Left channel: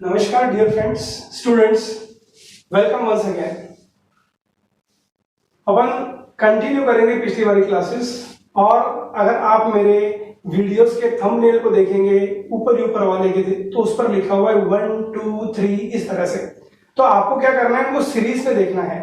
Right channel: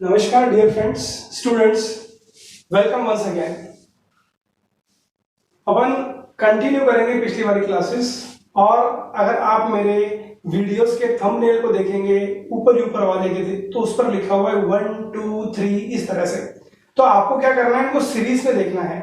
नमस्कार dear friends, students, welcome once again. अपन continue करेंगे पिछली वाली क्लासेस। और अगर आप मेरे वीडियोस के थंबनेल को देखेंगे ऊपर वाले के तो उस पर लिखा हुआ है 1 2 3 इस तरह से। तो आपको क्या करना है, इनको सीरीज में देखना है।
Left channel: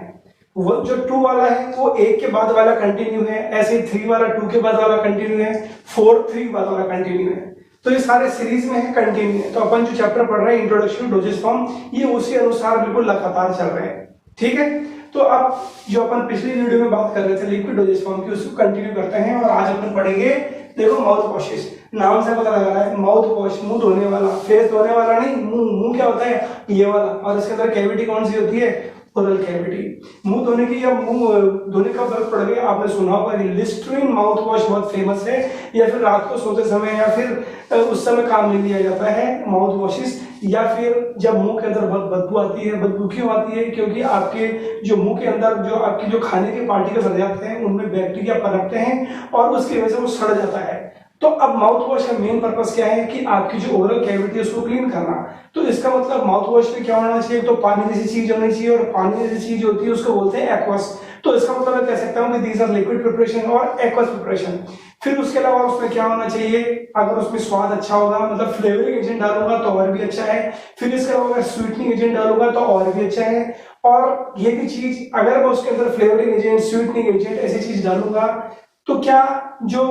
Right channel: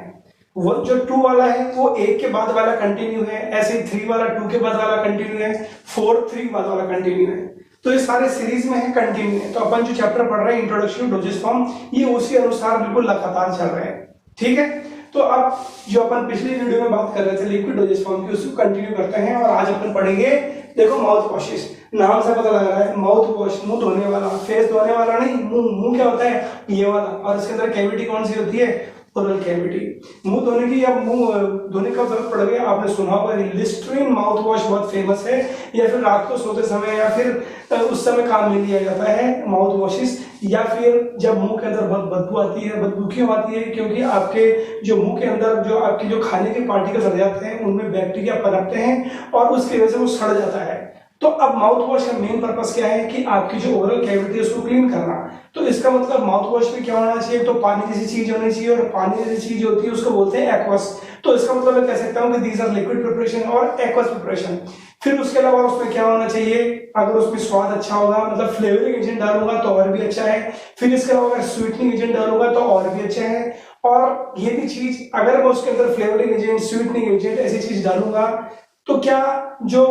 वो जो 2 वाला है वो 1 के बाद वाला कंटिन्यू है, ऐसे ही 3 वाला 2 के बाद वाला कंटिन्यू है, 4 3 बाद वाला कंटिन्यू है। तो ये सारे सीरीज में है, कंटिन्यू है। तो अपन जो चैप्टर पढ़ रहे हैं इंट्रोडक्शन टू डोसेज फॉर्म, ये उसी अनुसार बिल्कुल लगातार चल रहे हैं। ठीक है, तो अब जो अपन पिछली वीडियो में बात कर रहे थे लिक्विड डोसेज फॉर्म की, उसको कंटिन्यू करते हैं। और आज अपन पढ़ेंगे, देखो, माउथ वॉशेस। नाम से पता लग रहा है माउथ वॉश, मुंह धोने वाला, फेस धोने वाला नहीं। मुंह क्या होता है, ये वाला। और इसके अंदर कैविटी कौन सी होती है, ओरल कैविटी। मुंह धोने की या मुंह धोने का जरूरत पड़ गया, आपने सुना होगा लिस्ट्रीन माउथ वॉश बहुत फेमस है। या फिर रात को सोते समय या फिर उस समय काम में लिया जाता है माउथ वॉशेस। या फिर जब मुंह के अंदर बहुत बदबू आती है। बदबू क्यों आती है, क्योंकि आपके जो मुंह के अंदर जो आपके जो खाने के पार्टिकल्स रह जाते हैं उनमें बैक्टीरिया पनपते हैं और उसकी वजह से वो सड़ जाता है। तो अब माउथ वॉश का मेन पर्पस क्या है कि आपकी जो ओरल कैविटी है उसको क्लीन करना। तो इसका मतलब माउथ वॉश में क्या होना चाहिए, तो पानी जैसी चीज होनी चाहिए। और पानी जैसी चीज होती है उसको बोलते हैं एक्वस। तो इसका मतलब मैं कह सकता हूँ कि दीज आर लिक्विड प्रिपरेशन और एक्वस प्रिपरेशन। फिर उसके अलावा उसमें क्या होना चाहिए, अगर उसमें स्वाद अच्छा होगा, मतलब फ्लेवरिंग एजेंट डालूंगा तो और भी अच्छा है। फिर इसके अलावा अगर स्वीटनिंग एजेंट डालूंगा तो और भी अच्छा है। और ये भी चीज, अगर मैं उसके अंदर फ्लेवरिंग एजेंट, स्वीटनिंग एजेंट ऐसी चीज डालूंगा तो क्या जो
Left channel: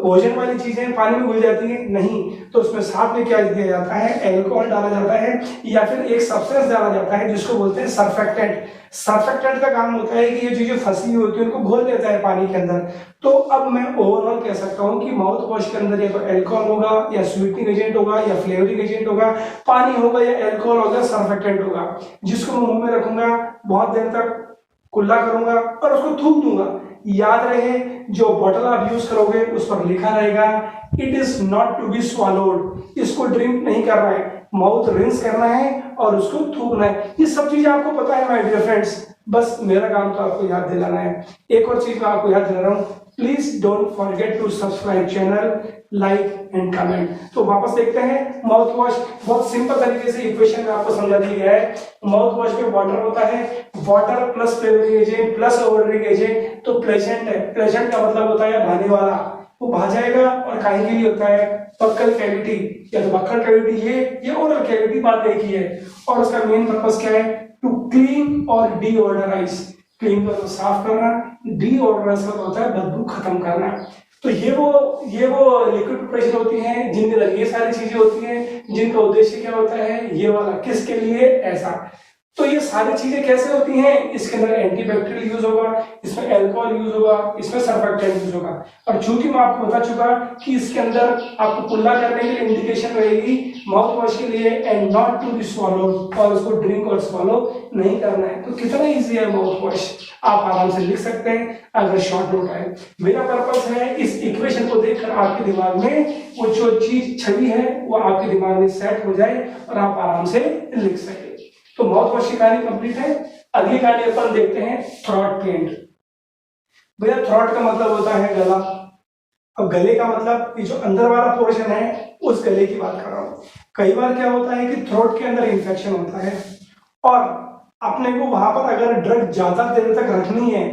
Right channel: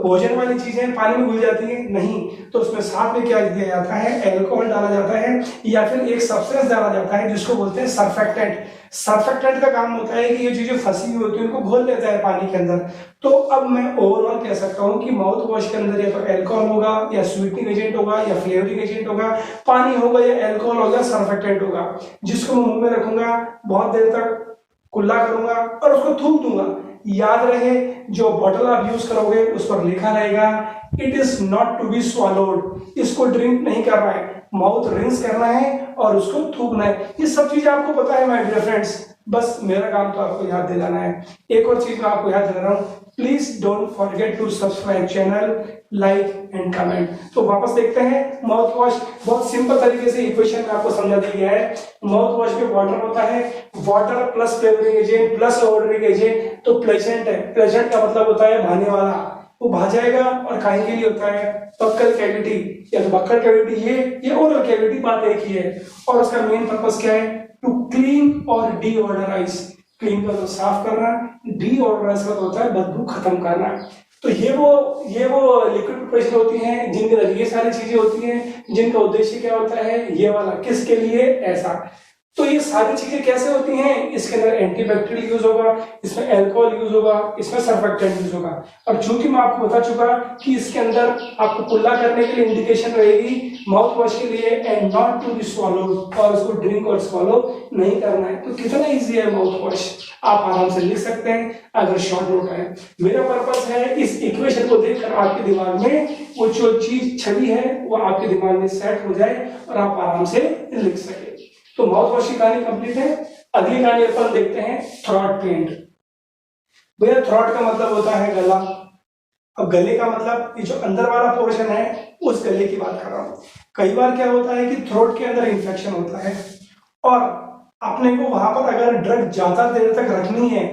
भोजन वाली चीजें पानी में घुल जाती है, नहीं। तो उसमें साथ में क्या दिया जाता है, एल्कोहल डाला जाता है या फिर एक सब्सटेंस डाला जाता है जिसको बोलते हैं सर्फेक्टेंट। सर्फेक्टेंट का काम होता है कि ये चीजें फंसी हुई होती है उनको घोल लेता है पानी के अंदर। तो अब मैं ओवरऑल कह सकता हूँ कि माउथ वॉश के अंदर या तो एल्कोहल होगा या स्वीटनिंग एजेंट होगा या फ्लेवरिंग एजेंट होगा, पानी होगा या एल्कोहल होगा, सर्फेक्टेंट होगा, जिसको मैं मुंह में रखूंगा, बहुत देर तक कुल्ला करूंगा और उसको थूक दूंगा। याद रहे, जो बॉटल आप यूज करोगे उस पर लिखा रहेगा it is not to be swallowed. इसको ड्रिंक नहीं करना है, माउथ रिंस करना है और उसको थूकना है। ये सब चीजें आपको पता है माय डियर फ्रेंड्स, बस मेरा काम तो आपको याद दिलाना है। एक और चीज मैं आपको याद दिला रहा हूँ, please don't forget to subscribe channel, like and comment. तो वापस देखते हैं माउथ वॉश। बहुत सिंपल तरीके से इक्वेशन में आपको समझा दिया गया है। माउथ वॉश में वाटर होता है, water plus flavouring agent plus odouring agent. तो प्लेजेंट है, प्लेजेंट का मतलब होता है भाने वाला, वो भा जाएगा। और काहे के लिए होता है, बक्कल कैविटी या तो बक्कल कैविटी, ये ओरल कैविटी बात एक ही है। और उसका मेन पर्पस क्या है, टू क्लीन और डीओडराइज। क्लीन मतलब साफ करना, डीओडराइज मतलब होता है बदबू खत्म करना। तो ये वो लिक्विड प्रिपरेशन होती हैं जिनके अंदर ये सारी चीजें होती हैं, जिनका उद्देश्य क्या होता है, ये वाला, किसके लिए, ऐसा। तो ये सारी चीजें कैसे होती हैं, इसके अंदर एंटीबैक्टीरियल यूज होगा, इसमें एल्कोहल यूज होगा, इसमें सर्फेक्टेंट यूज होगा। और चूंकि मैं आपको बता चुका कि इसके अंदर आपको कुल्ला करने के लिए इंडिकेशन रहेगी माउथ वॉश के लिए, and not to be swallowed, और उसको ड्रिंक और स्वॉलो नहीं करना है। तो कितना इजी है माउथ वॉश, आप आराम से लिख सकते हैं अगर शॉर्ट नोट है। मेरा पर्पस है इस इक्वेशन को देखकर आपके दिमाग में वो जो चीज छवि है वो आपके दिमाग में सेट हो जाए और आप आराम से लिख सके। तो माउथ वॉश की कहानी कंप्लीट है। अगली कहानी अपन देखते हैं थ्रॉट पेंट। भैया थ्रॉट का मतलब होता है गला। अब गले का मतलब ये जो अंदर वाला पोर्शन है उस गले की बात कर रहा हूं। कई बार क्या होता है कि थ्रोट के अंदर इंफेक्शन होता है और अपने को वहां पर अगर ड्रग ज्यादा देर तक रखनी है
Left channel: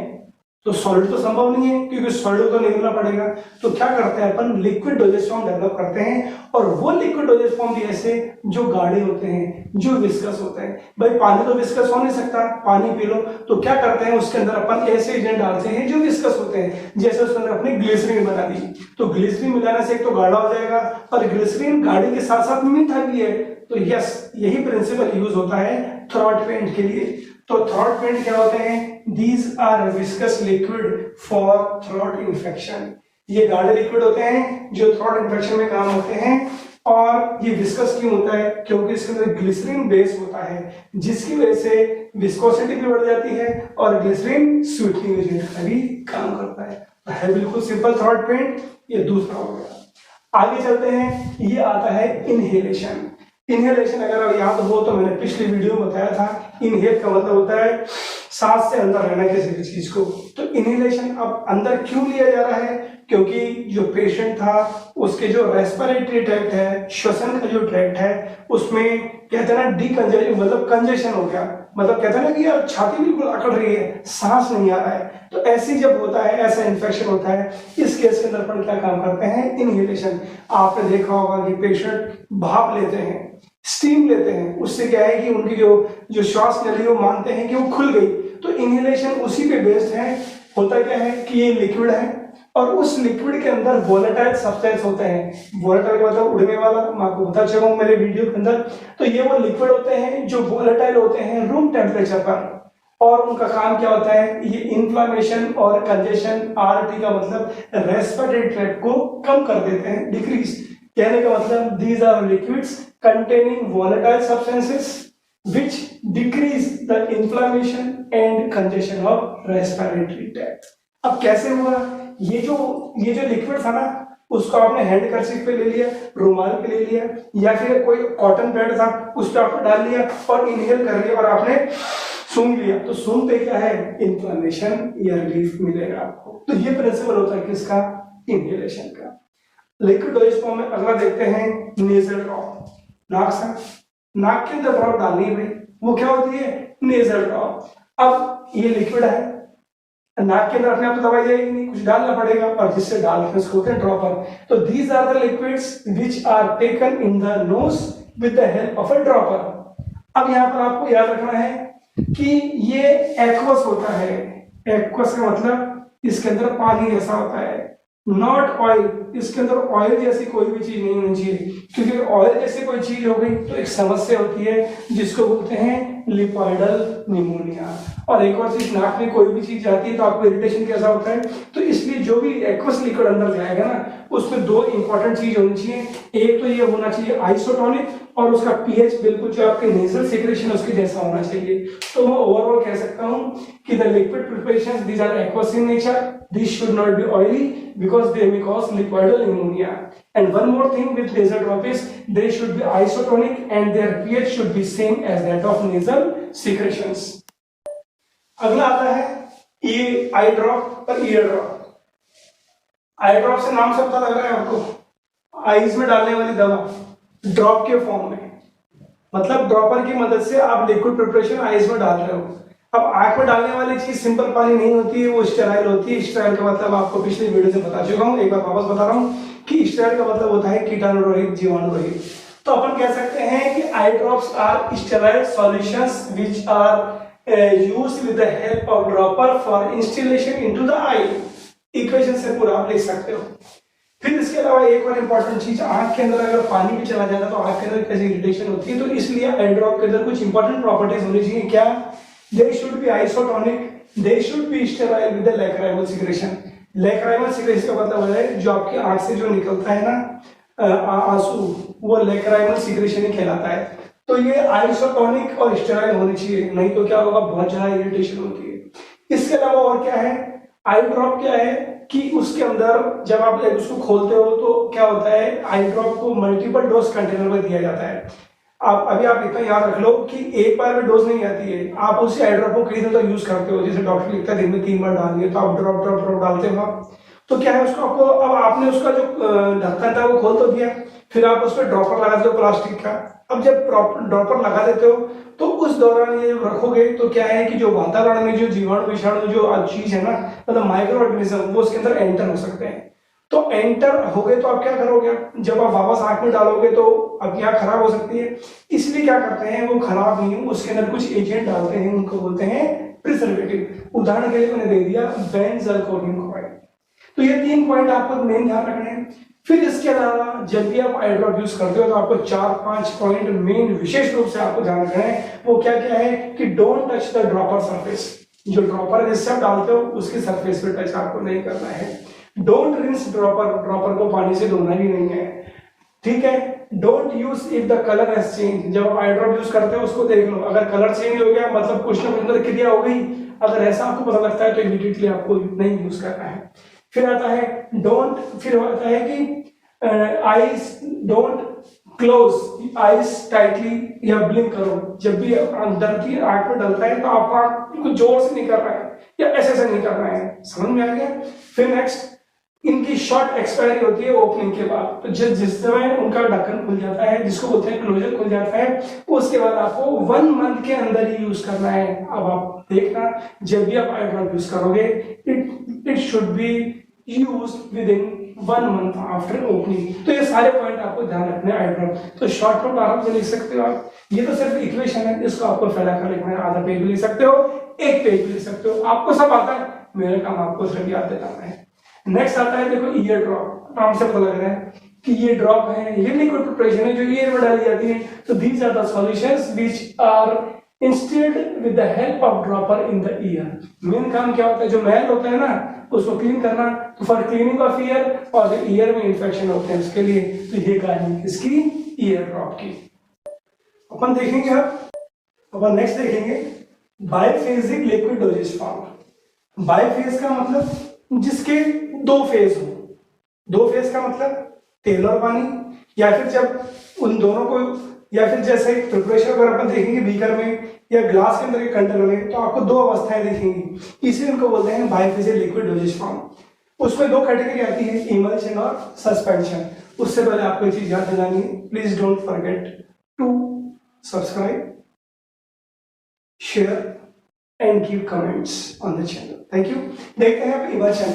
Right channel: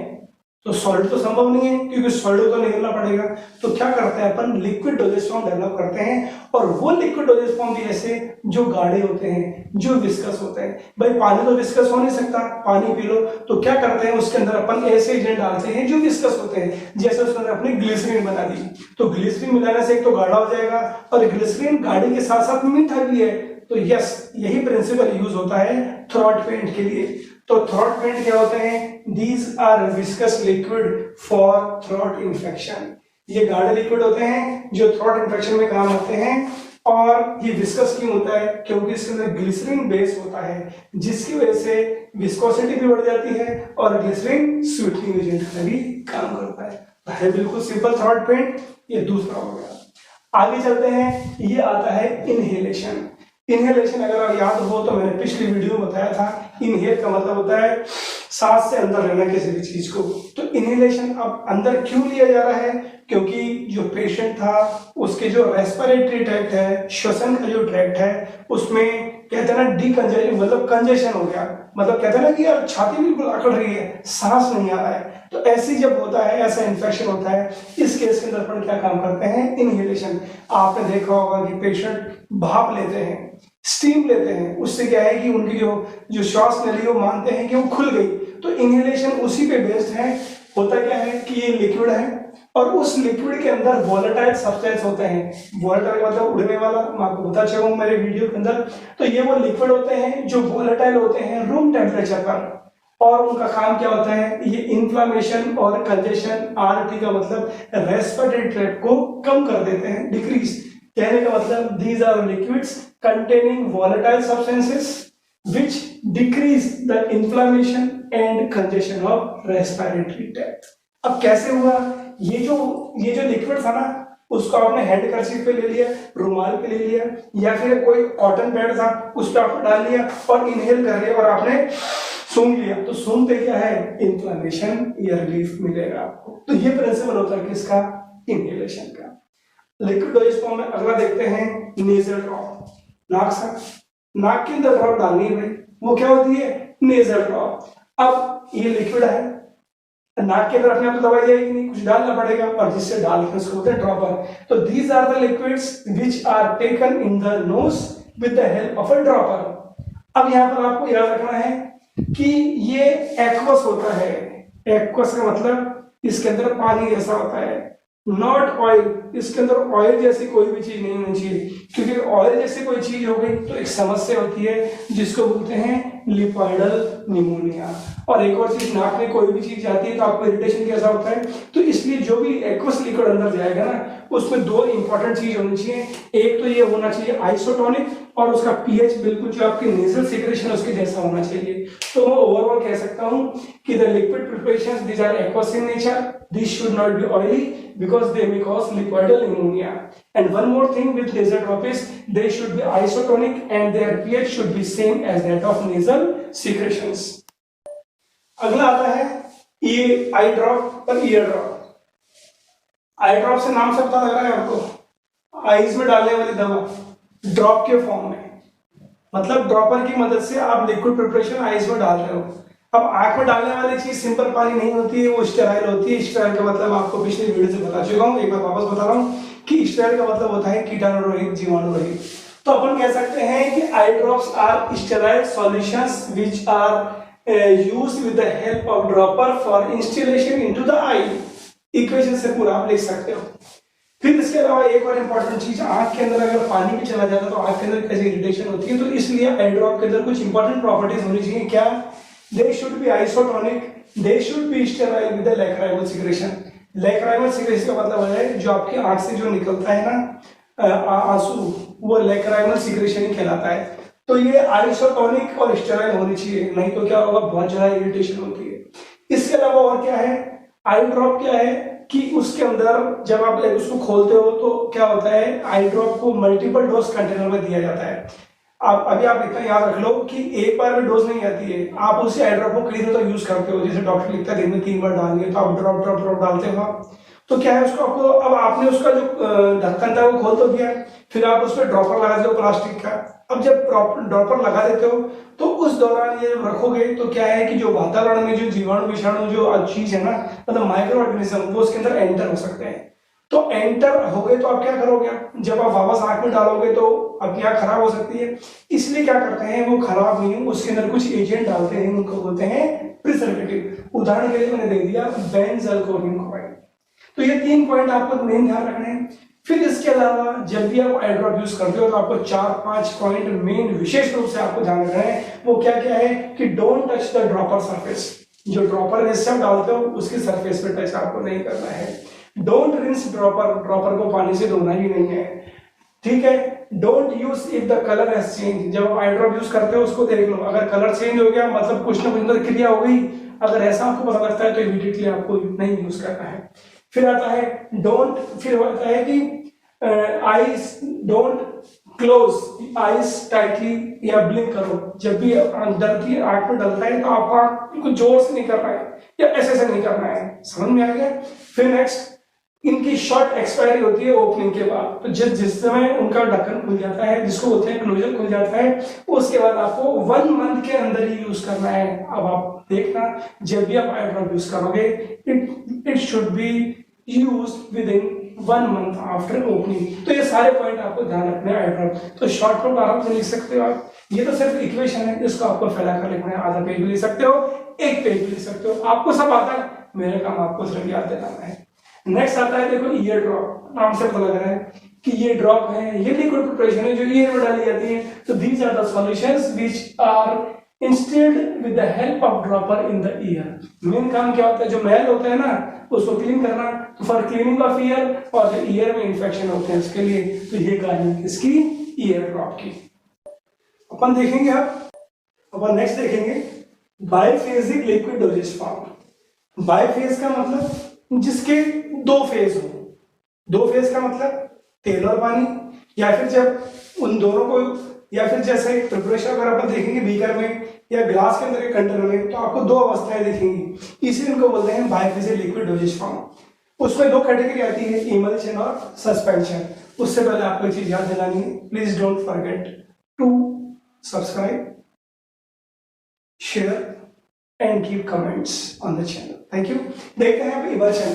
तो सॉलिड तो संभव नहीं है, क्योंकि सॉलिड तो निकलना पड़ेगा। तो क्या करते हैं अपन, लिक्विड डोजेज फॉर्म डेवलप करते हैं। और वो लिक्विड डोजेज फॉर्म भी ऐसे जो गाढ़े होते हैं, जो विस्कस होते हैं। भाई पानी तो विस्कस हो नहीं सकता, पानी पी लो। तो क्या करते हैं, उसके अंदर अपन ऐसे एजेंट डालते हैं जो विस्कस होते हैं। जैसे उसके अंदर अपनी ग्लिसरीन बना दी, तो ग्लिसरीन मिलाने से एक तो गाढ़ा हो जाएगा और ग्लिसरीन गाढ़े के साथ साथ मीठा भी है। तो यस, यही प्रिंसिपल यूज होता है थ्रॉट पेंट के लिए। तो थ्रॉट पेंट क्या होते हैं, these are viscous liquid for throat infection. ये गाढ़े लिक्विड होते हैं जो थ्रॉट इन्फेक्शन में काम होते हैं। और ये विस्कस क्यों होता है, क्योंकि इसके अंदर ग्लिसरीन बेस होता है, जिसकी वजह से विस्कोसिटी भी बढ़ जाती है और ग्लिसरीन स्वीटनिंग एजेंट का भी काम करता है। बिल्कुल सिंपल थ्रॉट पेंट। ये दूसरा हो गया। आगे चलते हैं, ये आता है इनहेलेशन। इनहेलेशन अगर याद हो तो मैंने पिछली वीडियो में बताया था, इनहेल का मतलब होता है सांस से अंदर रहना किसी भी चीज को। तो इनहेलेशन अब अंदर क्यों लिया जा रहा है? क्योंकि जो पेशेंट था उसके जो रेस्पिरेटरी ट्रैक्ट है, श्वसन का जो ट्रैक्ट है, उसमें कहते हैं ना डीकंजेशन, मतलब कंजेशन हो गया, मतलब कहते हैं ना कि यार छाती बिल्कुल अकड़ रही है, सांस नहीं आ रहा है। तो ऐसी जब होता है, ऐसा इन्फेक्शन होता है, इस केस के अंदर अपन क्या काम करते हैं? इनहेलेशन। आपने देखा होगा कि पेशेंट भाप लेते हैं, स्टीम लेते हैं, उससे क्या है कि उनकी जो जो श्वास नली वो मानते हैं कि वो खुल गई। तो इनहेलेशन उसी पे बेस्ड है। होता क्या है कि ये लिक्विड है और उस लिक्विड के अंदर वोलेटाइल सब्सटेंस होते हैं। वोलेटाइल मतलब उड़ने वाला, मैं आपको बता चुका हूं मेरे वीडियो के अंदर। तो ये वो लिक्विड होते हैं जो वोलेटाइल होते हैं रूम टेम्परेचर पर, और उनका काम क्या होता है? ये इन्फ्लामेशन और कंजेशन, आरटी का मतलब रेस्पिरेटरी ट्रैक्ट को कम कर देते हैं, डिक्रीज। कहने का मतलब these are liquids containing volatile substances which decrease the inflammation and congestion of respiratory tract। अब कैसे हुआ? ये जो लिक्विड था ना, उसको आपने हैंड कर्चीफ पे ले लिया, रुमाल पे ले लिया, या फिर कोई कॉटन पैड था उस पर आपने डाल लिया और इनहेल कर लिया और आपने सूंघ लिया। तो सूंघते क्या है? इन्फ्लेमेशन या रिलीफ मिलेगा आपको। तो ये प्रिंसिपल होता है किसका? इनहेलेशन का। लिक्विड डोजेज फॉर्म में अगला देखते हैं नेजल ड्रॉप। नाक के अंदर ड्रॉप डालनी है भाई, वो क्या होती है? Nasal drop. अब ये लिक्विड है, नाक के अंदर अपने आप तो दवाई जाएगी नहीं, कुछ डालना पड़ेगा, और जिससे डालते हैं उसको ड्रॉपर। तो these are the liquids which are taken in the nose with the help of a dropper. अब यहां पर आपको याद रखना है कि ये एक्वस होता है। एक्वस का मतलब इसके अंदर पानी जैसा होता है, नॉट ऑयल। इसके अंदर ऑयल जैसी कोई भी चीज नहीं होनी चाहिए, क्योंकि ऑयल जैसी कोई चीज हो गई तो एक समस्या होती है जिसको बोलते हैं लिपॉइडल निमोनिया। और एक और चीज, नाक में कोई भी चीज जाती है तो आपको इरिटेशन जैसा होता है। तो इसलिए जो भी एक्वस लिक्विड अंदर जाएगा ना, उसमें दो इंपॉर्टेंट चीज होनी चाहिए। एक तो ये होना चाहिए आइसोटोनिक, और उसका पीएच बिल्कुल जो आपके नेजल सिक्रेशन उसके जैसा होना चाहिए। तो मैं ओवरऑल कह सकता हूं कि the liquid preparations these are aqueous in nature, this should not be oily because they may cause lipoidal pneumonia. And one more thing with nasal drop is they should be isotonic and their pH should be same as that of nasal secretions. अगला आता है ये आई drop और year drop. आई drop से नाम सब पता लग रहा है आपको, आईज में डालने वाली दवा ड्रॉप के फॉर्म में, मतलब ड्रॉपर की मदद से आप लिक्विड प्रिपरेशन आईज में डाल रहे हो। अब आंख में डालने वाली चीज सिंपल पानी नहीं होती है, वो स्टेराइल होती है। स्टेराइल का मतलब आपको पिछले वीडियो से बता चुका हूं, एक बार वापस बता रहा हूं कि स्टेराइल का मतलब होता है कीटाणु रहित, जीवाणु रहित। तो अपन कह सकते हैं कि eye drops are sterile solutions which are used with the help of dropper for instillation into the eye. Equation से पूरा आप लिख सकते हो। फिर इसके अलावा एक और इंपॉर्टेंट चीज, आंख के अंदर अगर पानी भी चला जाता है तो आंख के अंदर कैसी इरिटेशन होती है। तो इसलिए आई ड्रॉप के अंदर कुछ इंपॉर्टेंट प्रॉपर्टीज होनी चाहिए। क्या? They should be isotonic, they should be sterile with the lacrimal secretion। lacrimal secretion का मतलब है जो आपकी आंख से जो निकलता है ना आंसू, वो lacrimal secretion ही कहलाता है। तो ये आइसोटोनिक और स्टेराइल होनी चाहिए, नहीं तो क्या होगा? बहुत ज्यादा इरिटेशन होती है। इसके अलावा और क्या है? आई ड्रॉप क्या है कि उसके अंदर जब आप उसको खोलते हो तो क्या होता है? आई ड्रॉप को मल्टीपल डोज कंटेनर में दिया जाता है। आप इतना याद रख लो कि एक बार में डोज नहीं आती है, आप उसी आई ड्रॉप को कई दिनों तक यूज करते हो। जैसे डॉक्टर लिखता है दिन में 3 बार डालनी है, तो आप ड्रॉप ड्रॉप ड्रॉप डालते हो आप। तो क्या है उसको आपको, अब आपने उसका जो ढक्कन था वो खोल तो दिया, फिर आप उस पर ड्रॉपर लगा देते हो प्लास्टिक का। अब जब ड्रॉपर लगा देते हो तो उस दौरान ये रखोगे तो क्या है कि जो वातावरण में जो जीवाणु विषाणु जो चीज है ना, मतलब माइक्रो ऑर्गेनिज्म, वो उसके अंदर एंटर हो सकते हैं। तो एंटर हो गए तो आप क्या करोगे? जब आप वापस आंख में डालोगे तो अब यहाँ खराब हो सकती है, इसलिए क्या करते हैं? वो खराब नहीं हो, उसके अंदर कुछ एजेंट डालते हैं, उनको बोलते हैं प्रिजर्वेटिव। उदाहरण के लिए मैंने दे दिया बेंजलकोनियम क्लोराइड। तो ये 3 पॉइंट आपको मेन ध्यान रखने हैं। फिर इसके अलावा जब भी आप आई ड्रॉप यूज करते हो तो आपको 4-5 पॉइंट मेन विशेष रूप से आपको ध्यान रखना है। वो क्या क्या है कि don't touch the dropper surface. जो ड्रॉपर जिससे आप डालते हो उसकी सरफेस पे टच आपको नहीं करना है। डोंट रिंस ड्रॉपर को पानी से धोना ही नहीं है, ठीक है। Don't use if the colour has change. जब आप आई ड्रॉप यूज करते हो उसको देख लो, अगर कलर चेंज हो गया मतलब कुछ ना कुछ क्रिया हो गई, अगर ऐसा आपको पता लगता है तो इमीडिएटली आपको नहीं यूज करना है। फिर आता है डोंट, फिर आता है कि I don't close eyes tightly या ब्लिंक करो। जब भी डरती आंख में डलता है तो आपको आंख बिल्कुल जोर से नहीं करना है या ऐसे नहीं करना है। समझ में आ गया। फिर नेक्स्ट, इनकी शॉर्ट एक्सपायरी होती है ओपनिंग के बाद। तो जिस समय उनका ढक्कन खुल जाता है, जिसको बोलते हैं क्लोजर खुल जाता है, उसके बाद आपको 1 मंथ के अंदर ही यूज करना है। अब आप देखना, जब भी आप आई ड्रॉप यूज करोगे, it should be use with in 1 month after opening. तो ये सारे पॉइंट आपको ध्यान रखने हैं। आई ड्रॉप तो शॉर्ट नोट आराम से लिख सकते हो आप। ये तो सिर्फ इक्वेशन है, इसको आपको फैलाकर लिखना है। आधा पेज भी लिख सकते हो, 1 पेज भी लिख सकते हो, आपको सब आता है। मेरा काम आपको सिर्फ याद दिलाना है। नेक्स्ट आता है, देखो ईयर ड्रॉप। नाम से पता लग रहा है कि ये ड्रॉप है, ये लिक्विड प्रिपरेशन है जो ईयर में डाली जाती है। तो these are the solutions which are instilled with the help of dropper in the ear. Main काम क्या होता है, जो मैल होते हैं ना उसको क्लीन करना। तो फॉर क्लीनिंग ऑफ ईयर, और जो ईयर में इंफेक्शन होते हैं उसके लिए। तो ये कार्य है इसकी ईयर ड्रॉप की। अपन देखेंगे अपन नेक्स्ट देखेंगे बाइफेजिक लिक्विड डोजेज फॉर्म। बाइफेज का मतलब जिसके 2 फेज हो। 2 फेज का मतलब तेल और पानी, या फिर जब उन दोनों को, या फिर जैसे प्रिपरेशन अगर अपन देखेंगे बीकर में या ग्लास के अंदर के कंटेनर में, तो आपको 2 अवस्थाएं दिखेंगी। इसलिए इनको बोलते हैं बाइफेजिक लिक्विड डोजेज फॉर्म। उसमें 2 कैटेगरी आती है, इमल्शन और सस्पेंशन। उससे पहले आपको एक चीज याद दिलानी है, please don't forget to subscribe, share and give comments on the channel. Thank you. देखते हैं अब इमल्शन।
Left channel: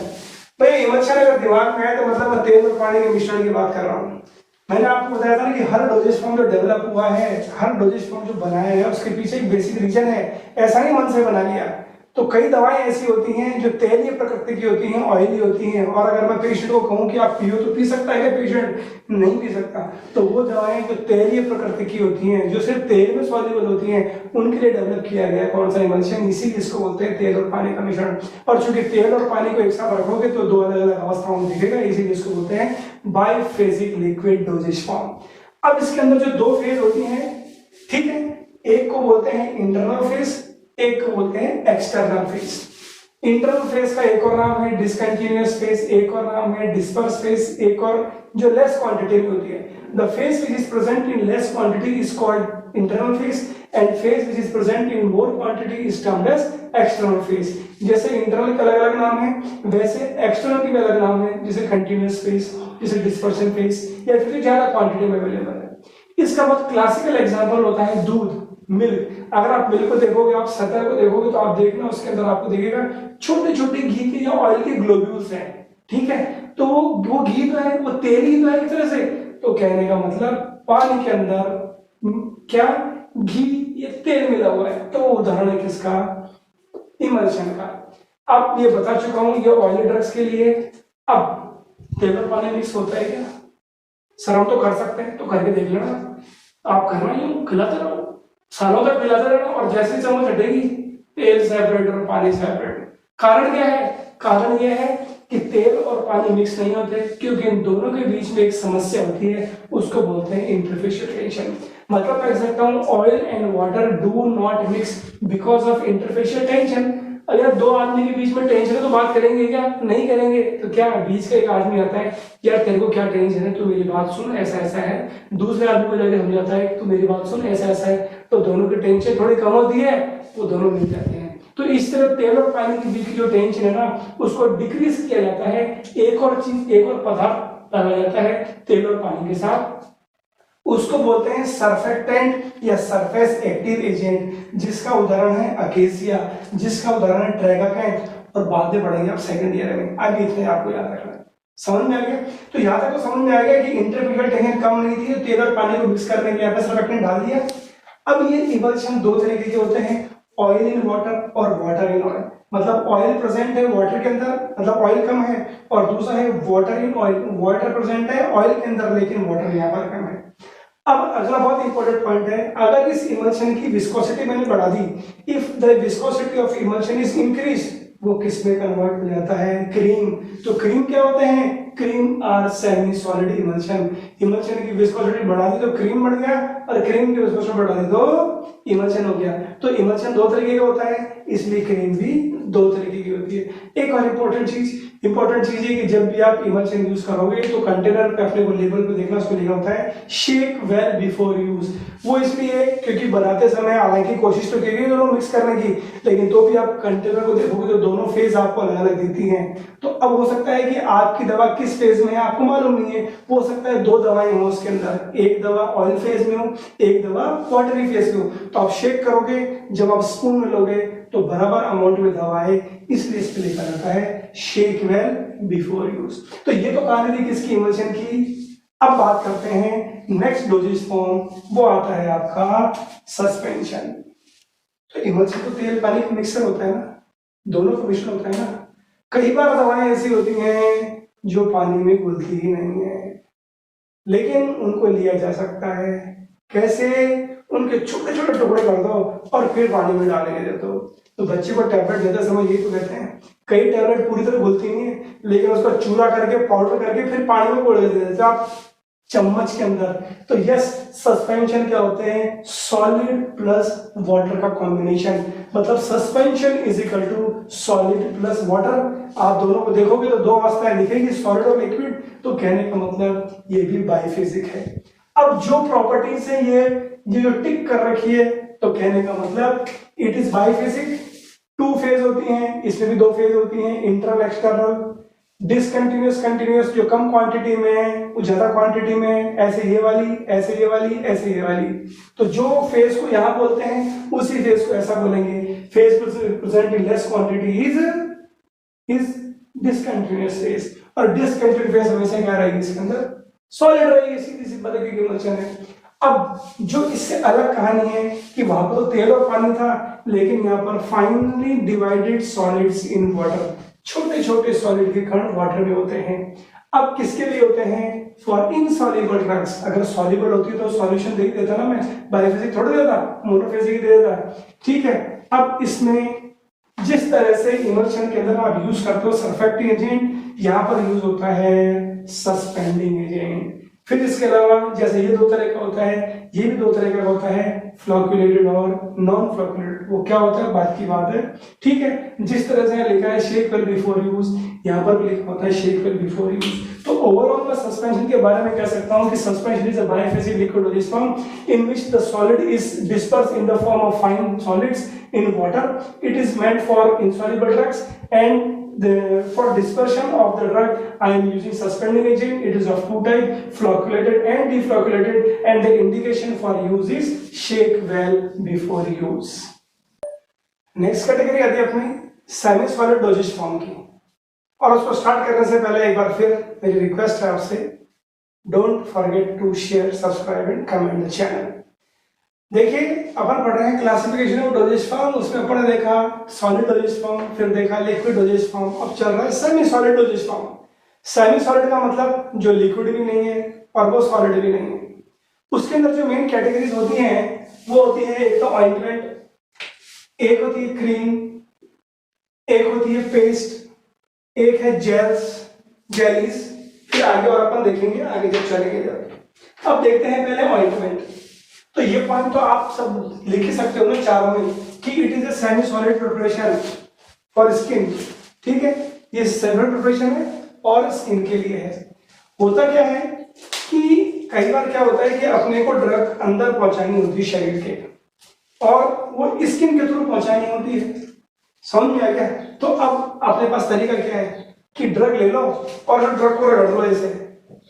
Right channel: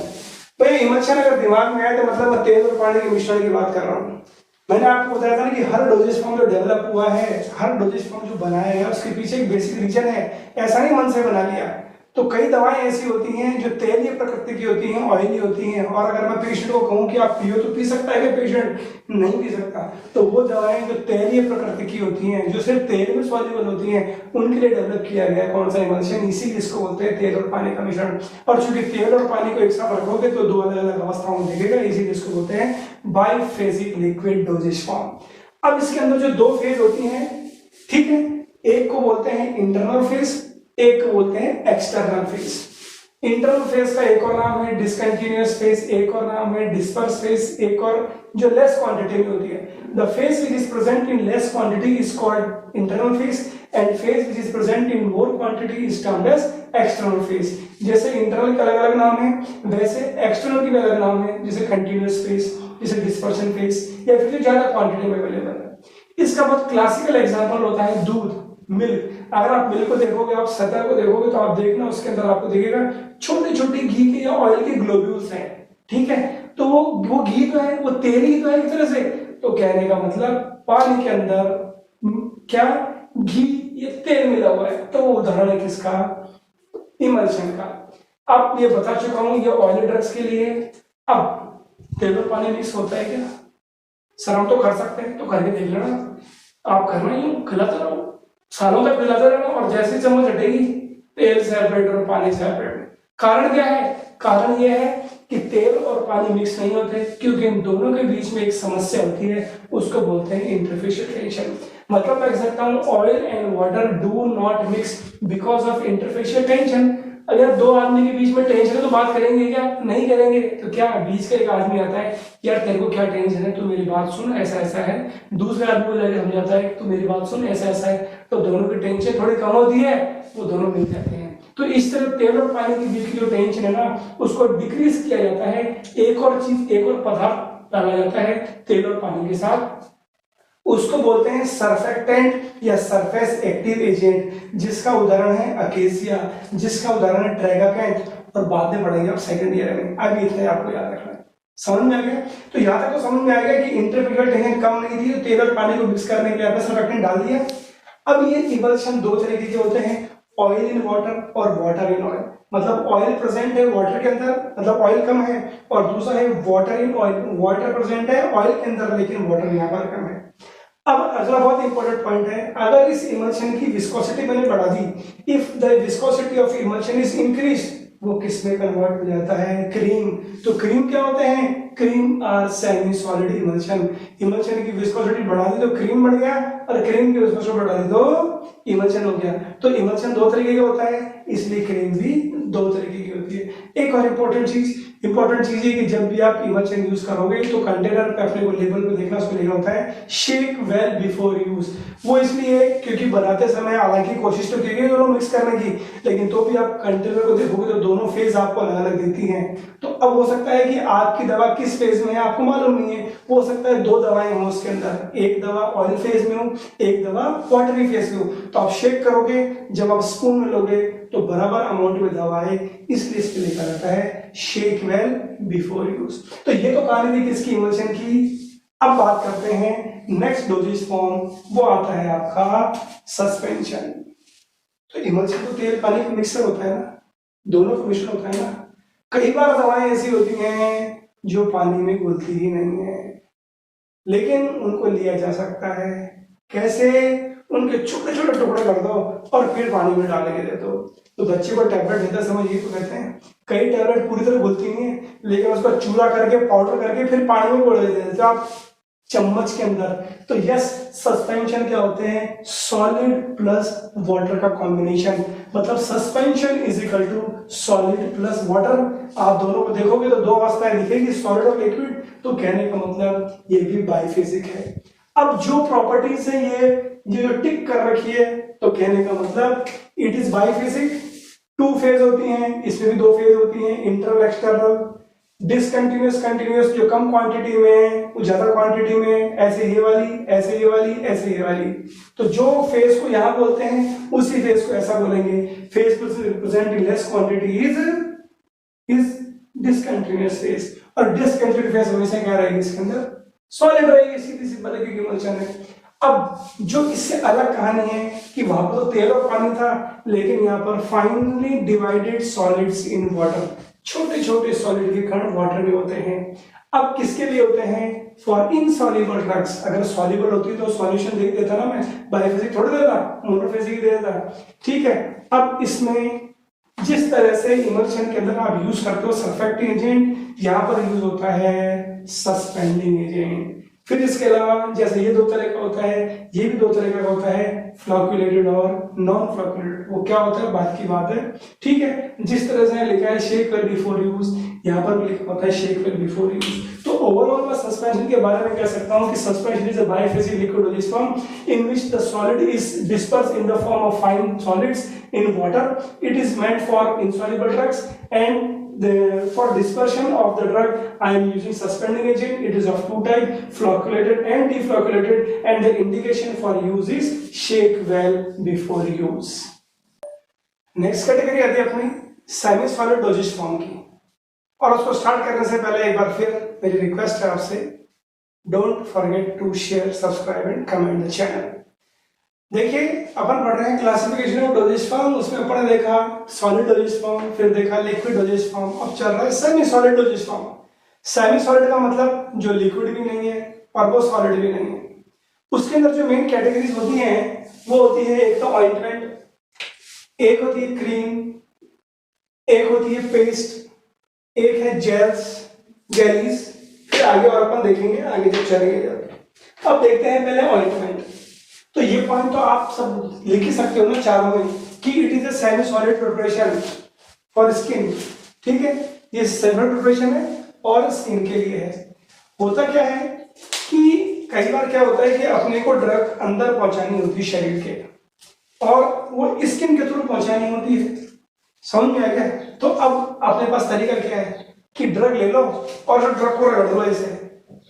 भाई इमल्शन अगर दिमाग में आए तो मतलब मैं तेल और पानी के मिश्रण की बात कर रहा हूँ। मैंने आपको बताया था कि हर डोजेज फॉर्म जो डेवलप हुआ है, हर डोजेज फॉर्म जो बनाया गया, उसके पीछे एक बेसिक रीजन है। ऐसा नहीं मन से बना लिया। तो कई दवाएं ऐसी होती हैं जो तेलीय प्रकृति की होती हैं, ऑयली होती हैं, और अगर मैं पेशेंट को कहूं कि आप पियो तो पी सकता है, पेशेंट नहीं पी सकता। तो वो दवाएं जो तेलीय प्रकृति की होती हैं, जो सिर्फ तेल में सॉल्युबल होती हैं, उनके लिए डेवलप किया गया कौन सा इमल्शन। इसीलिए इसको बोलते हैं तेल और पानी का मिश्रण। और चूंकि तेल और पानी को एक साथ रखोगे तो 2 अलग अलग अवस्थाओं में दिखेगा, इसीलिए इसको बोलते हैं बाइफेजिक लिक्विड डोजेज फॉर्म। अब इसके अंदर जो 2 फेज होती हैं, ठीक है, एक को बोलते हैं इंटरनल फेज, एक को बोलते हैं एक्सटर्नल फेज। इंटरनल फेज का एक और नाम है डिसकंटिन्यूअस फेज, एक और नाम है डिस्पर्स फेज, एक और जो लेस क्वांटिटी में होती है। The phase which is present in less quantity is called internal phase, and phase which is present in more quantity is termed as external phase. जैसे इंटरनल के अलग अलग नाम है, वैसे एक्सटर्नल के अलग नाम है, जैसे कंटिन्यूअस फेज, जैसे डिस्पर्शन फेज, या फिर ज्यादा क्वांटिटी में अवेलेबल है। इसका बहुत क्लासिकल एग्जांपल होता है दूध, मिल्क। अगर आप मिल्क को देखोगे, आप सतह को देखोगे, तो आप देखना उसके अंदर आपको दिखेगा छोटे छोटे घी के या ऑयल के ग्लोब्यूल्स हैं, ठीक है। तो वो घी तो है, वो तेल ही तो है एक तरह से। तो कहने का मतलब पानी के अंदर क्या घी या तेल मिला हुआ है। तो वो उदाहरण है किसका, इमल्शन का। अब ये बता चुका हूं ये ऑयल ड्रग्स के लिए। अब तेल और पानी मिक्स होता है क्या? सर हम तो कर सकते हैं, तो करके देख लेना। आप करना यूं खिलाते रहो, सालों तक खिलाते रहना, और जैसे चम्मच हटेगी तेल सेपरेट और पानी सेपरेट। कारण क्या है? कारण यह है कि तेल और पानी मिक्स नहीं होते, क्योंकि इन दोनों के बीच में एक समस्या होती है, उसको बोलते हैं इंटरफेशियल टेंशन। मतलब मैं कह सकता हूं oil and water do not mix because of interfacial tension. अगर 2 आदमी के बीच में टेंशन है तो बात करेंगे क्या? नहीं करेंगे। तो क्या बीच का एक आदमी आता है, यार तेरे को क्या टेंशन है, तू मेरी बात सुन, ऐसा ऐसा है। दूसरे आदमी को जाकर समझाता है, तू मेरी बात सुन, ऐसा ऐसा है। तो दोनों की टेंशन थोड़ी कम होती है, वो दोनों मिल जाते हैं। तो इस तरह तेल और पानी के बीच की जो टेंशन है ना, उसको डिक्रीज किया जाता है। एक और चीज, एक और पदार्थ डाला जाता है तेल और पानी के साथ, उसको बोलते हैं सरफेक्टेंट या सरफेस एक्टिव एजेंट, जिसका उदाहरण है अकेसिया, जिसका उदाहरण है ट्रेगाकैंथ, और बाद में पढ़ेंगे आप सेकंड ईयर में। अभी इतने आपको याद रखना है। समझ में आ गया? तो यहाँ तक तो समझ में आ गया कि इंटरफेशियल टेंशन कम नहीं थी, तो तेल और पानी को मिक्स करने के लिए सरफेक्टेंट डाल दिया। अब ये इमल्शन 2 तरीके के होते हैं, ऑयल इन वाटर और वाटर इन ऑयल। मतलब ऑयल प्रेजेंट है वाटर के अंदर, मतलब ऑयल कम है, और दूसरा है water in oil, water present है ऑयल के अंदर लेकिन वाटर यहाँ पर कम है। अब अगला बहुत इंपॉर्टेंट पॉइंट है, अगर इस इमल्शन की विस्कोसिटी मैंने बढ़ा दी, if the viscosity of emulsion is increase, वो किस में कन्वर्ट हो जाता है? क्रीम। तो क्रीम क्या होते हैं? Cream are semi solid emulsion. Emulsion की विस्कोसिटी बढ़ा दी तो क्रीम बढ़ गया, और क्रीम की विस्कोसिटी बढ़ा दी तो इमल्शन हो गया। तो इमल्शन दो तरीके का होता है, इसलिए क्रीम भी दो तरीके की होती है। एक और इंपॉर्टेंट चीज है कि जब भी आप इमल्शन यूज करोगे तो कंटेनर पे अपने को लेबल पे देखना, उसमें लिखा होता है शेक वेल बिफोर यूज। वो इसलिए क्योंकि बनाते समय हालांकि कोशिश तो की गई दोनों मिक्स करने की, लेकिन तो भी आप कंटेनर को देखोगे तो दोनों फेज आपको अलग अलग दिखती हैं। तो अब हो सकता है कि आपकी दवा किस फेज में है आपको मालूम नहीं है, हो सकता है दो दवाएं हो उसके अंदर, एक दवा ऑयल फेज में हो, एक दवा वाटरी फेज में हो। तो आप शेक करोगे, जब आप स्पून में लोगे तो बराबर अमाउंट में दवा है, इसलिए इस पे लिखा जाता है शेक वेल बिफोर यूज। तो ये तो कहानी थी किसकी, इमल्शन की। अब बात करते हैं नेक्स्ट डोजेज फॉर्म, वो आता है आपका सस्पेंशन। तो इमल्शन तो तेल पानी का मिक्सर होता है ना, दोनों का मिश्रण होता है ना। कई बार दवाएं ऐसी होती हैं जो पानी में घुलती ही नहीं है, लेकिन उनको लिया जा सकता है। कैसे? उनके छोटे छोटे टुकड़े कर दो और फिर पानी में डाल के दे दो। तो बच्चे को टैबलेट देते समय ये तो कहते हैं, कई टैबलेट पूरी तरह घुलती नहीं है, लेकिन उसका चूरा करके पाउडर करके फिर पानी में घोल देते हैं आप चम्मच के अंदर। तो यस, सस्पेंशन क्या होते हैं, सॉलिड प्लस वाटर का कॉम्बिनेशन। मतलब suspension is equal to solid plus water. आप दोनों को देखोगे तो दो अवस्थाएं दिखेगी, सॉलिड और लिक्विड। तो कहने का मतलब ये भी बाइफिजिक है। अब जो प्रॉपर्टीज है ये जो टिक कर रखी है, तो कहने का मतलब इट इज बाइफिजिक। टू फेज होती हैं, इसमें भी दो फेज होती हैं, इंटरनल एक्सटर्नल। डिसकंटिन्यूअस कंटिन्यूअस, जो कम क्वांटिटी में है वो ज्यादा क्वांटिटी में, ऐसे ये वाली, ऐसे ये वाली, ऐसे ये वाली। तो जो फेज को यहां बोलते हैं उसी फेज को ऐसा बोलेंगे, फेज को represent in less quantity is discontinuous phase. और डिसकंटिन्यूअस फेज हमेशा क्या रहेगी, इसके अंदर सॉलिड रहेगी, सीधी सी बात है, क्योंकि इमल्शन है। अब जो इससे अलग कहानी है कि वहां पर तो तेल और पानी था, लेकिन यहाँ पर finally divided solids in water, छोटे छोटे सॉलिड के कण वाटर में होते हैं। अब किसके लिए होते हैं, फॉर इनसॉल्युबल ड्रग्स। अगर सॉल्युबल होती तो सॉल्यूशन दे देता ना, मैं बायोफिजिक थोड़ा देता, मोनोफिजिक दे देता, ठीक है। अब इसमें जिस तरह से इमल्शन के अंदर आप यूज करते हो सरफेक्टिंग एजेंट, यहाँ पर यूज होता है सस्पेंडिंग एजेंट। फिर इसके अलावा जैसे ये दो तरह का होता है, ये भी दो तरह का होता है, फ्लोक्युलेटेड और नॉन फ्लोक्युलेटेड। वो क्या होता है बात की बात है, ठीक है। जिस तरह से यहाँ लिखा है शेक वेल बिफोर यूज, यहाँ पर भी लिखा होता है शेक वेल बिफोर यूज। तो ओवरऑल मैं सस्पेंशन के बारे में कह सकता हूँ कि suspension is a बायोफिजिक liquid doses form in which the solid is disperse in the form of fine solids in water. It is meant for insoluble drugs, and for dispersion of the drug I am using suspending agent. It is of two type, flocculated and deflocculated, and the indication for use is shake well before use. Next category आती है अपनी semi solid dosage form की, और उसको start करने से पहले एक बार फिर मेरी रिक्वेस्ट है आपसे, don't forget to share, subscribe and comment the channel. देखिए अपन पढ़ रहे हैं क्लासिफिकेशन ऑफ डोजेज फॉर्म, उसमें अपन ने देखा सॉलिड डोजेज फॉर्म, फिर देखा लिक्विड डोजेज फॉर्म, अब चल रहा है semi solid dosage form. Semi solid का मतलब जो लिक्विड भी नहीं है और वो सॉलिड भी नहीं है। उसके अंदर जो मेन कैटेगरीज होती हैं वो होती है, एक तो ऑइंटमेंट, एक होती है क्रीम, एक होती है पेस्ट, एक है जेल्स, जेलीज, फिर आगे और अपन देखेंगे आगे जब चलेंगे। अब देखते हैं पहले ऑइंटमेंट। तो ये पॉइंट तो आप सब लिख ही सकते हो ना चारों में कि it is a semi solid preparation for skin, ठीक है। ये सेमी प्रिपरेशन है और स्किन के लिए है। होता क्या है कि कई बार क्या होता है कि अपने को ड्रग अंदर पहुंचानी होती है शरीर के, और वो स्किन के थ्रू पहुंचानी होती है, समझ में आ गया। तो अब अपने पास तरीका क्या है कि ड्रग ले लो और जो ड्रग को रगड़ लो, ऐसे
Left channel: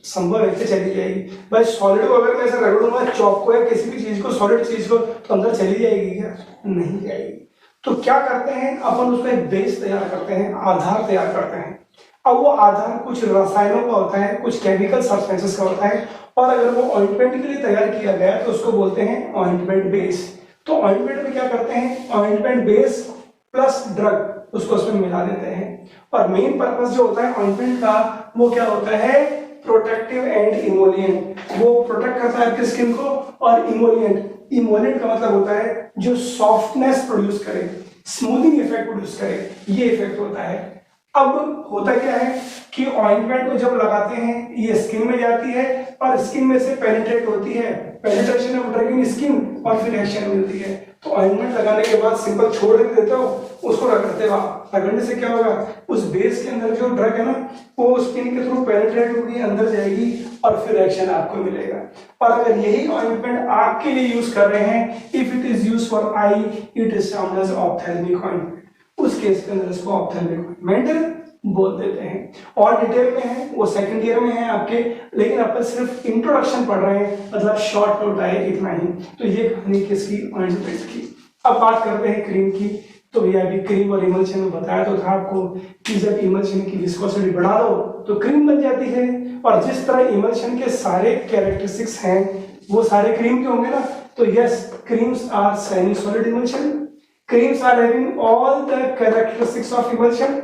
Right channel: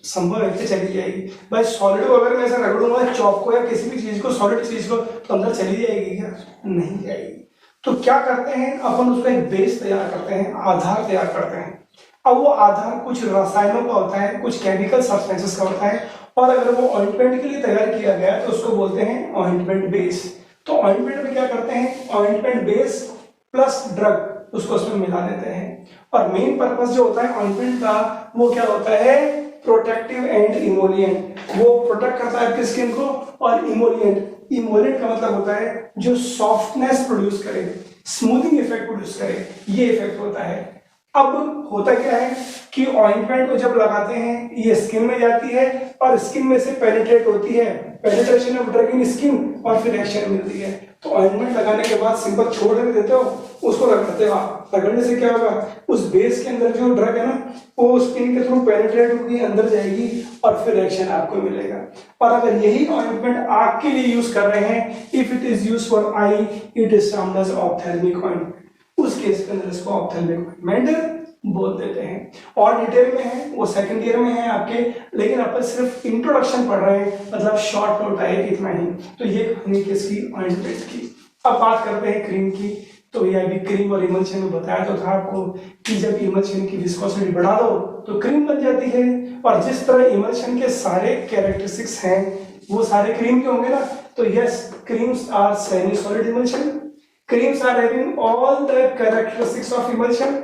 संभव है कि चली जाएगी। भाई सॉलिड को अगर मैं ऐसे रगड़ूंगा चौक को या किसी भी चीज को, सॉलिड चीज को, तो अंदर चली जाएगी क्या? नहीं जाएगी। तो क्या करते हैं अपन, उसका एक बेस तैयार करते हैं, आधार तैयार करते हैं। अब वो आधार कुछ रसायनों का होता है, कुछ केमिकल सब्सटेंसेस का होता है, और अगर वो ऑइंटमेंट के लिए तैयार किया गया तो उसको बोलते हैं ऑइंटमेंट बेस। तो ऑइंटमेंट में क्या करते हैं, ऑइंटमेंट बेस प्लस ड्रग उसको उसमें मिला देते हैं। और मेन पर्पस जो होता है ऑइंटमेंट का वो क्या होता है, प्रोटेक्टिव एंड इमोलिएंट। वो प्रोटेक्ट करता है स्किन को, और इमोलिएंट, इमोलिएंट का मतलब होता है जो सॉफ्टनेस प्रोड्यूस करे, स्मूथिंग इफेक्ट प्रोड्यूस करे, ये इफेक्ट होता है। अब होता क्या है कि ऑइंटमेंट को जब लगाते हैं ये स्किन में जाती है और स्किन में से पेनिट्रेट होती है, penetration of drug in skin और फिर एक्शन मिलती है। तो ऑइंटमेंट लगाने के बाद सिंपल छोड़ देते हो, उसको रगड़ते हो। रगड़ने से क्या होगा, उस बेस के अंदर जो ड्रग है ना वो स्किन के थ्रू पेनिट्रेट होगी, अंदर जाएगी और फिर एक्शन आपको मिलेगा। और अगर यही ऑइंटमेंट आग के लिए यूज कर रहे हैं, if it is use for eye, it is termed as ophthalmic ointment. उस केस के अंदर इसको ऑप्थेल्मिक ऑइंटमेंट बोल देते हैं। और डिटेल में है वो सेकंड ईयर में है आपके, लेकिन अपन सिर्फ इंट्रोडक्शन पढ़ रहे हैं, मतलब शॉर्ट नोट आए इतना ही। तो ये कहानी किसकी, ऑइंटमेंट की। अब बात करते हैं क्रीम की। तो ये अभी क्रीम और इमल्शन में बताया तो था आपको कि जब इमल्शन की विस्कोसिटी बढ़ा दो तो क्रीम बन जाती है। और जिस तरह इमल्शन के सारे कैरेक्टरिस्टिक्स हैं वो सारे क्रीम के होंगे ना, तो yes, creams are semi solid emulsion, creams are having all the characteristics of emulsion.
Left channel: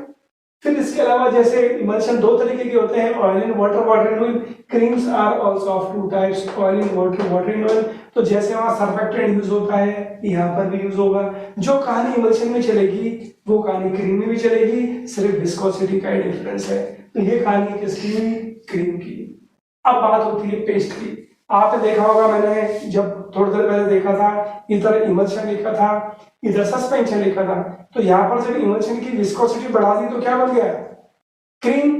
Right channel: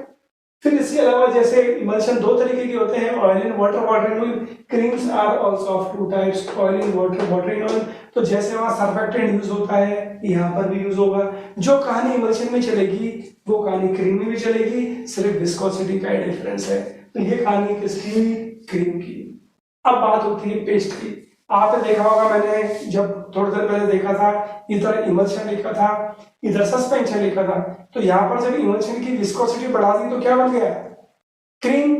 फिर इसके अलावा जैसे इमल्शन दो तरीके के होते हैं, oil in water, water in oil. Creams are also of two types, oil in water, water in oil. तो जैसे वहां सर्फेक्टेंट यूज होता है, यहाँ पर भी यूज होगा। जो कहानी इमल्शन में चलेगी वो कहानी क्रीम में भी चलेगी, सिर्फ विस्कोसिटी का ही डिफरेंस है। तो ये कहानी किसकी, क्रीम की। अब बात होती है पेस्ट की। आपने देखा होगा, मैंने जब थोड़ी देर पहले देखा था, इधर इमल्शन लिखा था, इधर सस्पेंशन लिखा था। तो यहाँ पर जब इमल्शन की विस्कोसिटी बढ़ा दी तो क्या बन गया, क्रीम।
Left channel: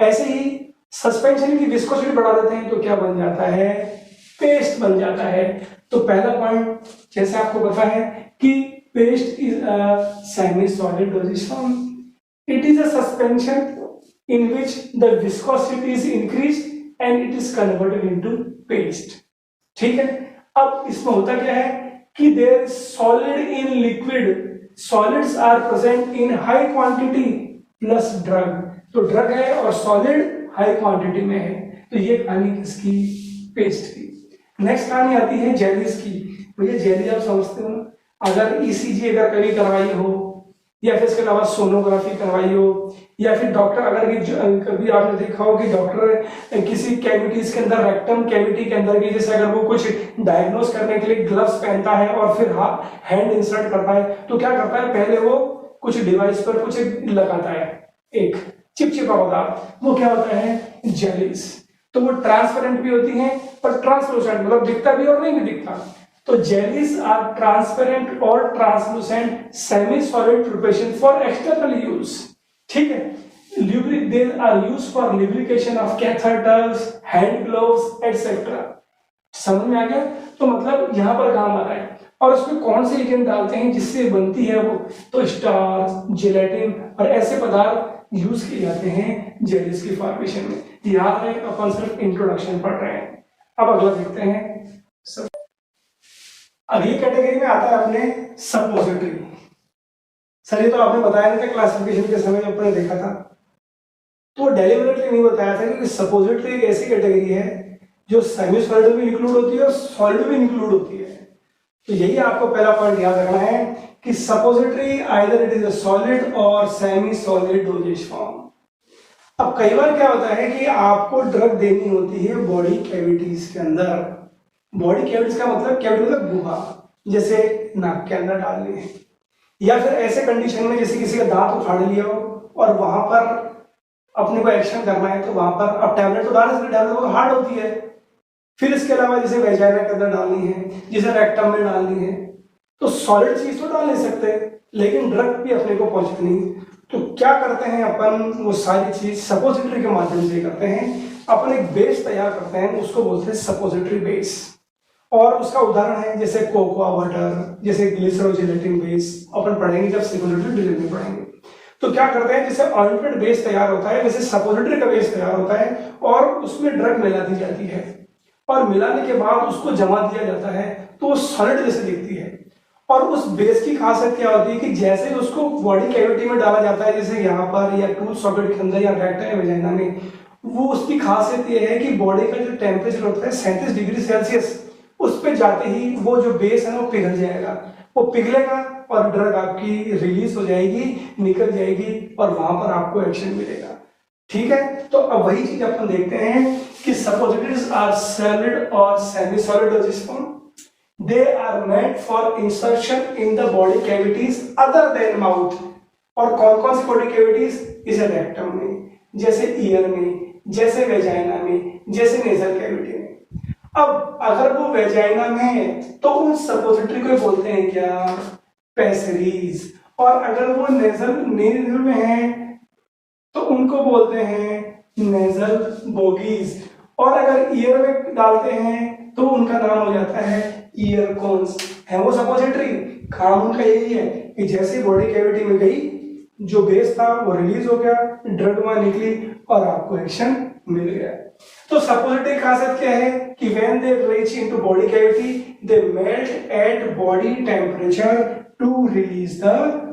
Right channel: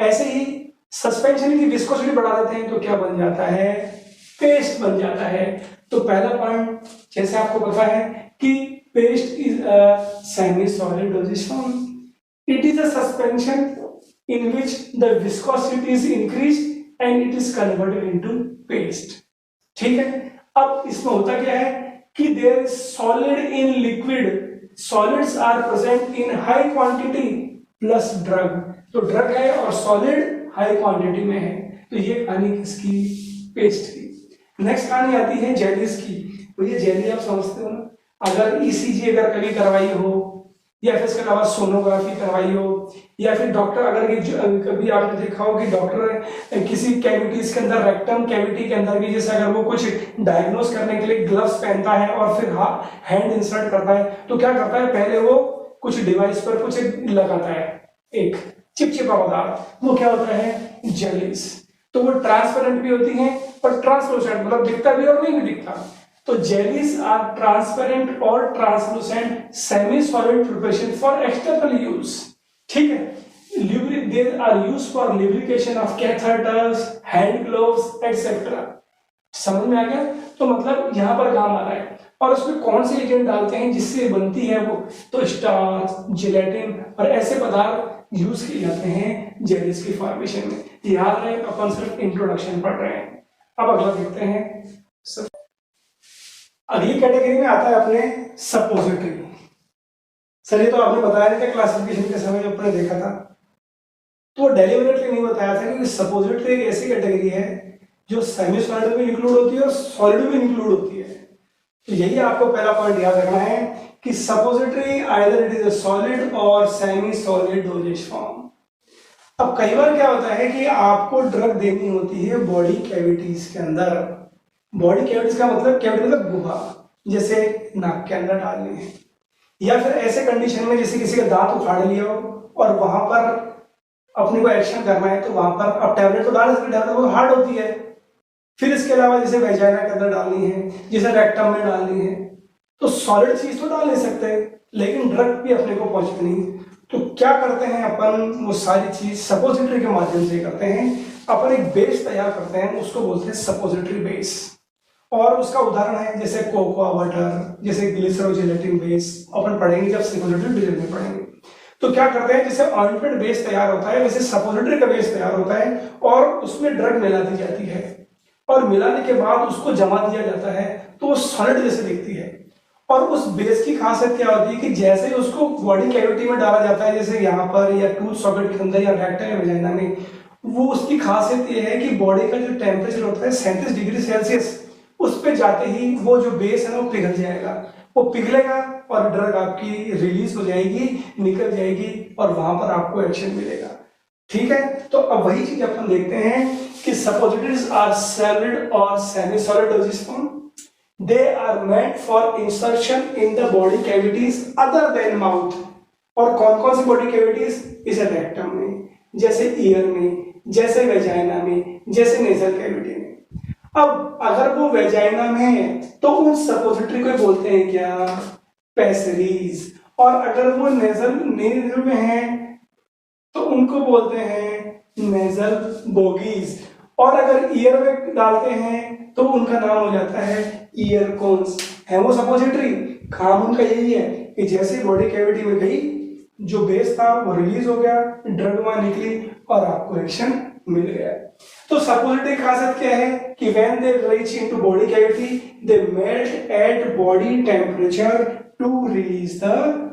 ऐसे ही सस्पेंशन की विस्कोसिटी बढ़ा देते हैं तो क्या बन जाता है, पेस्ट बन जाता है। तो पहला पॉइंट जैसे आपको पता है कि paste is a semi solid dosage form, it is a suspension in which the viscosity is increased and it is converted into paste। ठीक है। अब इसमें होता क्या है कि there is solid in liquid, solids are present in high quantity plus drug। तो drug है और सॉलिड हाई क्वांटिटी में है। तो ये कहानी किसकी, पेस्ट की। नेक्स्ट कहानी आती है जेलीज की। भैया जेली आप समझते हो ना, अगर ईसीजी अगर कभी करवाई हो या फिर इसके अलावा सोनोग्राफी करवाई हो, या फिर डॉक्टर अगर कभी आपने देखा हो कि डॉक्टर किसी कैविटीज के अंदर, रेक्टम कैविटी के अंदर भी, जैसे अगर वो कुछ डायग्नोस करने के लिए ग्लव्स पहनता है और फिर हैंड इंसर्ट करता है, तो क्या करता है, पहले वो कुछ डिवाइस पर कुछ लगाता है, एक चिपचिपा पदार्थ, वो क्या होता है, जेलीज। तो वो ट्रांसपेरेंट भी होती है पर ट्रांसलूसेंट, मतलब दिखता भी और नहीं भी दिखता। तो जेलीज आर ट्रांसपेरेंट और translucent semi solid preparation for external use. ठीक है। They are used for lubrication of catheters, hand gloves etcetera. समझ में आ गया। तो मतलब यहाँ पर काम आ रहा है। और उसमें कौन से एजेंट डालते हैं जिससे बनती है वो, तो स्टार्च, जेलेटिन और ऐसे पदार्थ यूज किए जाते हैं जेलीज की फॉर्मेशन में। याद रहे, अपन सिर्फ इंट्रोडक्शन पढ़ रहे हैं। अब अगला देखते हैं। अगली कैटेगरी में आता है अपने सपोजिटरी। सर ये तो आपने बताया नहीं था क्लासिफिकेशन के समय जब अपने देखा था, तो डेलिबरेटली नहीं बताया था, क्योंकि सपोजिटरी एक ऐसी कैटेगरी है जो सेमी सॉलिड में इंक्लूड होती है और सॉलिड में इंक्लूड होती है। तो यही आपको पहला पॉइंट याद रखना है कि suppository either it is a solid और सेमी सॉलिड डोजेज फॉर्म। अब कई बार क्या होता है कि आपको ड्रग देनी होती है बॉडी कैविटीज के अंदर। बॉडी कैविटीज का मतलब, कैविटी मतलब गुहा, जैसे नाक के अंदर डालनी है, या फिर ऐसे कंडीशन में जैसे किसी का दांत उखाड़ लिया हो और वहां पर अपने को एक्शन करना है, तो वहां पर अब टैबलेट तो डाल सकते, टैबलेट वो हार्ड होती है। फिर इसके अलावा जैसे वेजाइना के अंदर डालनी है, जैसे रेक्टम में डालनी है, तो सॉलिड चीज तो डाल नहीं सकते, लेकिन ड्रग भी अपने को पहुंचती नहीं। तो क्या करते हैं अपन, वो सारी चीज सपोजिटरी के माध्यम से करते हैं। अपन एक बेस तैयार करते हैं, उसको बोलते हैं सपोजिटरी बेस। और उसका उदाहरण है जैसे कोकोआ वाटर, जैसे ग्लिसरोजेलेटिन बेस, अपन पढ़ेंगे जब सपोजिटरी डिटेल में पढ़ेंगे। तो क्या करते हैं, जैसे ऑइंटमेंट बेस तैयार होता है वैसे सपोजिटरी का बेस तैयार होता है और उसमें ड्रग मिला दी जाती है, और मिलाने के बाद उसको जमा दिया जाता है, तो वो सॉलिड जैसे दिखती है। और उस बेस की खासियत क्या होती है कि जैसे ही उसको बॉडी कैविटी में डाला जाता है, जैसे यहाँ पर या टूथ सॉकेट के अंदर या रेक्टम या वेजाइना में, वो उसकी खासियत ये है कि बॉडी का जो टेम्परेचर होता है 37 डिग्री सेल्सियस, उस पे जाते ही वो जो बेस है वो पिघल जाएगा, वो पिघलेगा और ड्रग आपकी रिलीज हो जाएगी, निकल जाएगी और वहां पर आपको एक्शन मिलेगा। ठीक है। तो अब वही चीज अपन देखते हैं कि सपोजिटरीज आर सॉलिड और semi solid dosage form. They are meant for insertion in the body cavities other than mouth. और कौन कौन सी बॉडी कैविटीज, इस रेक्टम में, जैसे ईयर में, जैसे वेजाइना में, जैसे नेजल कैविटी में। अब अगर वो वेजाइना में है तो उन सपोजिटरी को बोलते हैं क्या, पेसरीज, और अगर वो नेजल में है तो उनको बोलते हैं नेजल बोगीज, और अगर ईयर में डालते हैं तो उनका नाम हो जाता है ईयर कोन्स। है वो सपोजिटरी, काम उनका यही है कि जैसे बॉडी कैविटी में गई, जो बेस था वो रिलीज हो गया, ड्रग वहां निकली और आपको एक्शन मिल गया। तो सपोजिटरी खासियत क्या है कि when they reach into body cavity they melt at body temperature to release the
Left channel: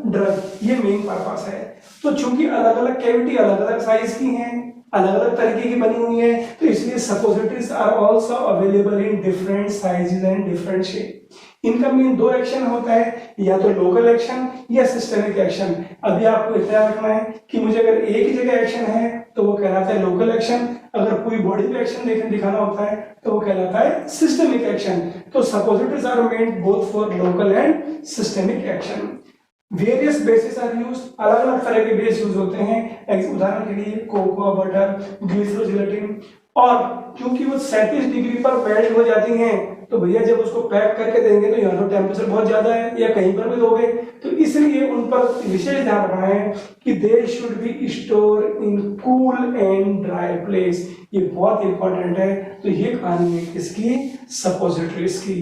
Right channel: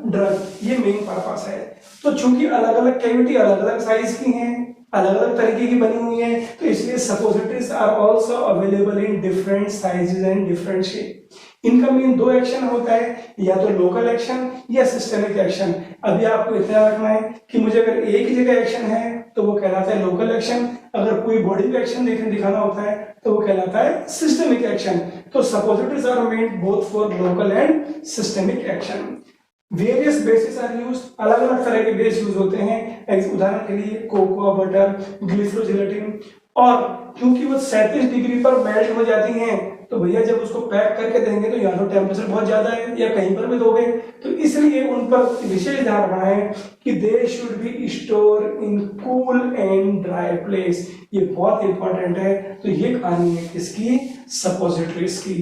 drug, ये मेन पर्पस है। तो चूंकि अलग अलग कैविटी अलग अलग साइज की हैं, अलग अलग तरीके की बनी हुई है, तो इसलिए suppositories are also available in different sizes and different shape. इनका मेन दो एक्शन होता है, या तो लोकल एक्शन या सिस्टेमिक एक्शन। अभी आपको इतना रखना है कि मुझे अगर एक ही जगह एक्शन है तो वो कहलाता है लोकल एक्शन, अगर पूरी बॉडी पे एक्शन दिखाना होता है तो वो कहलाता है सिस्टेमिक एक्शन। तो suppositories are made both for local and systemic action. Various basis are used, अलग अलग तरह के बेस यूज होते हैं। उदाहरण के लिए कोकोआ बटर, ग्लिसरोजिलेटिन, और क्योंकि वो 37 डिग्री पर मेल्ट हो जाती हैं तो भैया जब उसको पैक करके देंगे तो यहाँ तो टेम्परेचर बहुत ज्यादा है, या कहीं पर भी दोगे तो इसलिए उन पर विशेष ध्यान रखना है कि they should be store in cool and dry place. ये बहुत इंपॉर्टेंट है। तो ये कहानी है किसकी, सपोजिटरीज की।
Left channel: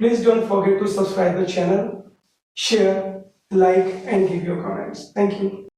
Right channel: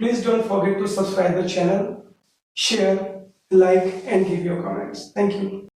Please don't forget to subscribe the channel, share, like and give your comments. Thank you.